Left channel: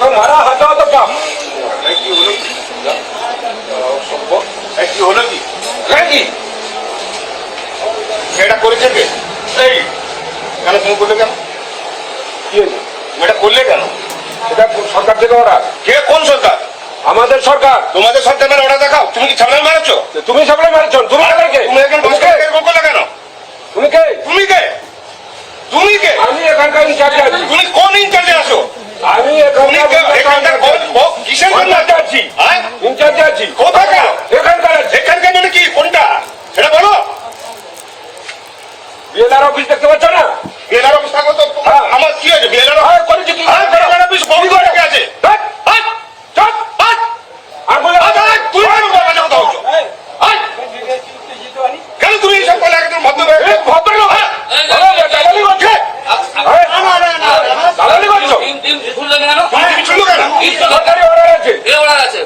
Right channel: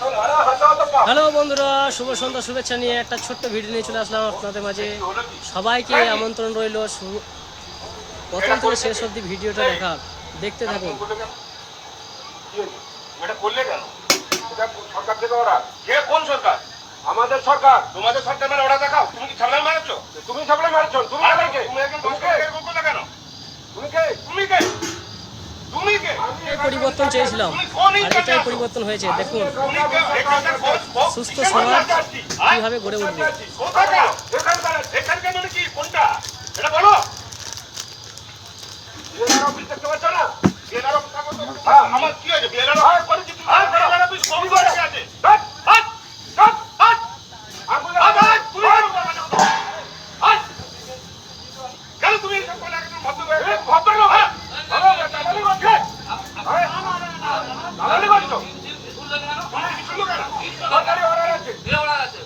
Hello বন্ধুরা, শুভ সন্ধ্যা শুভেচ্ছা নিয়ে একটা ছোট্ট ভিডিও চলে আসলাম আপনাদের মাঝে। সবাইকে আমন্ত্রণ রইল সরকার থেকে ওরা কে? কোন সরকার? আমাদের সরকার। তোমাদের সরকারের অর্ডার দেখাও। তুমি কি সামনে মারছো? তুমি সামনে মারছো? তুমি কে? তুমি এখন বললে কেন? তুমি কে? তুমি কে? তুমি কে? আমি এখানকার ইনচার্জে আছি। তুমি কোন ইনচার্জে আছো? আমি এখানকার কিসের জন্য আছি? ইনচার্জে আছি। কোথাকার? এখানকার। এখানকার মানে কি? কোনটা সেটা বলো। বিএলআর অফিস দেখতে পাচ্ছ না? বিএলআর অফিস থাকো তো আমার কি আছে? বিএলআর করেছে কি? বিএলআর অফিস কবি করে আছে। আর বলে তুই কেন তুমি এইসব বলে একদম ভদ্রলোক সরকারি অর্ডার আছে।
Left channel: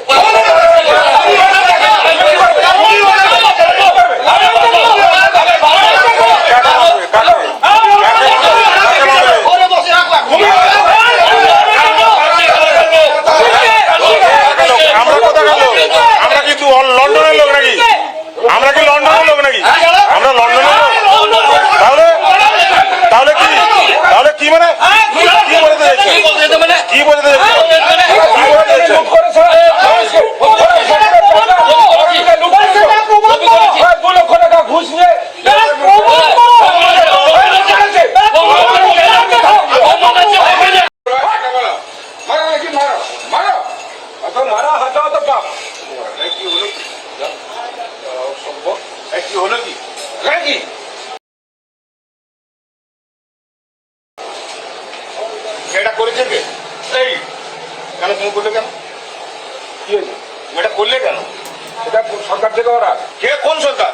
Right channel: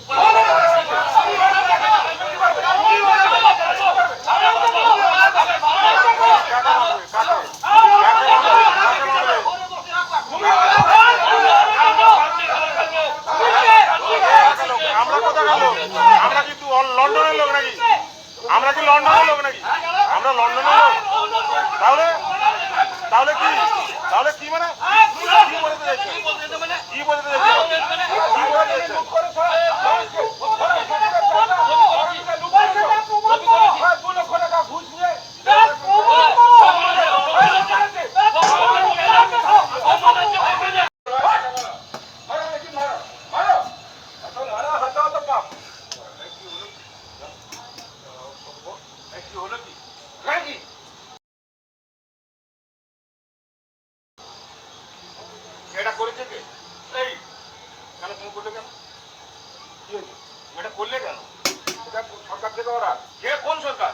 আমরা কি লন্ডনের লোক নাকি? আমরা লন্ডনের লোক? তাহলে কি? তাহলে কি মানে কি বলতে চাইছো? কি বলতে চাইছো? ঘুষ নিয়ে কি হলো কি? এটা করেছে কে? এই কেন তুমি করলে কেন? কি হয়েছে? এটা করলে কেন? এটা সরকার থেকে ওরা কে? কোন সরকার?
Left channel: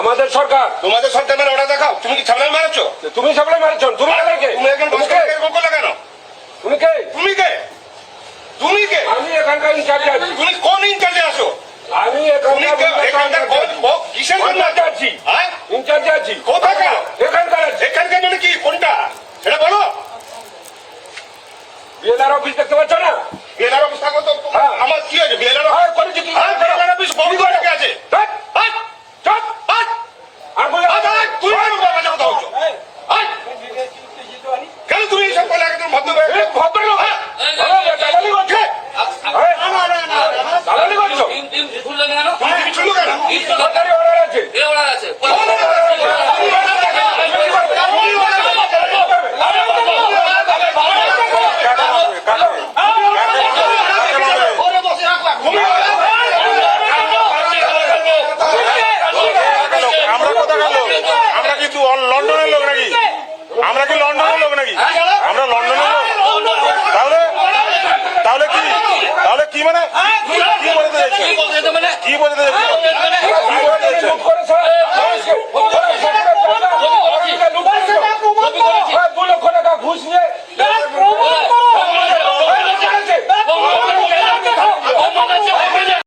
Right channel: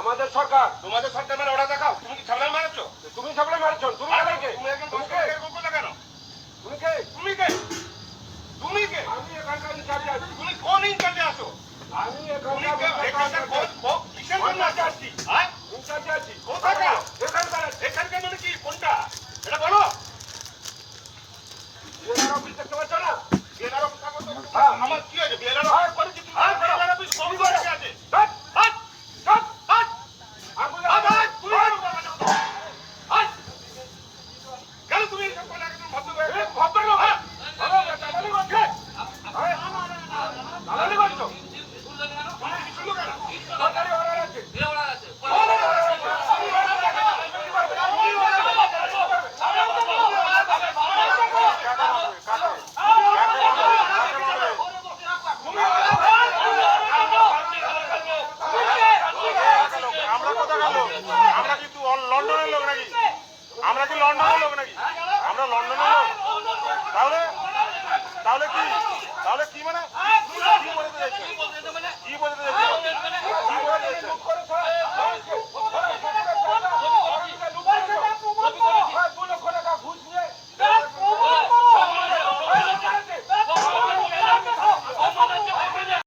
আমাদের সরকার। তোমাদের সরকারের অর্ডার দেখাও। তুমি কি সামনে মারছো? তুমি সামনে মারছো? তুমি কে? তুমি এখন করলে কেন? তুমি কে? তুমি কে? তুমি কে? আমি এখানকার ইনচার্জে আছি। তুমি কোন ইনচার্জে আছো? আমি এখানকার কিসের জন্য আছি? ইনচার্জে আছি। কোথাকার? এখানকার। এখানকার মানে কি? কোনটা সেটা বলো। বিএলআর অফিস দেখতে পাচ্ছ না? বিএলআর অফিস থাকো তো আমার কি আছে? বিএলআর করেছে কি? বিএলআর অফিস কবি করে আছে। আর বলে তুই কেন তুমি এইসব বলে একদম ভদ্রলোক সরকারি অর্ডার আছে। আমরা কিন্তু লন্ডনের লোক নাকি? আমরা কি লন্ডনের লোক নাকি? আমরা লন্ডনের লোক? তাহলে কি? তাহলে কি মানে কি বলতে চাইছো? কি বলতে চাইছো?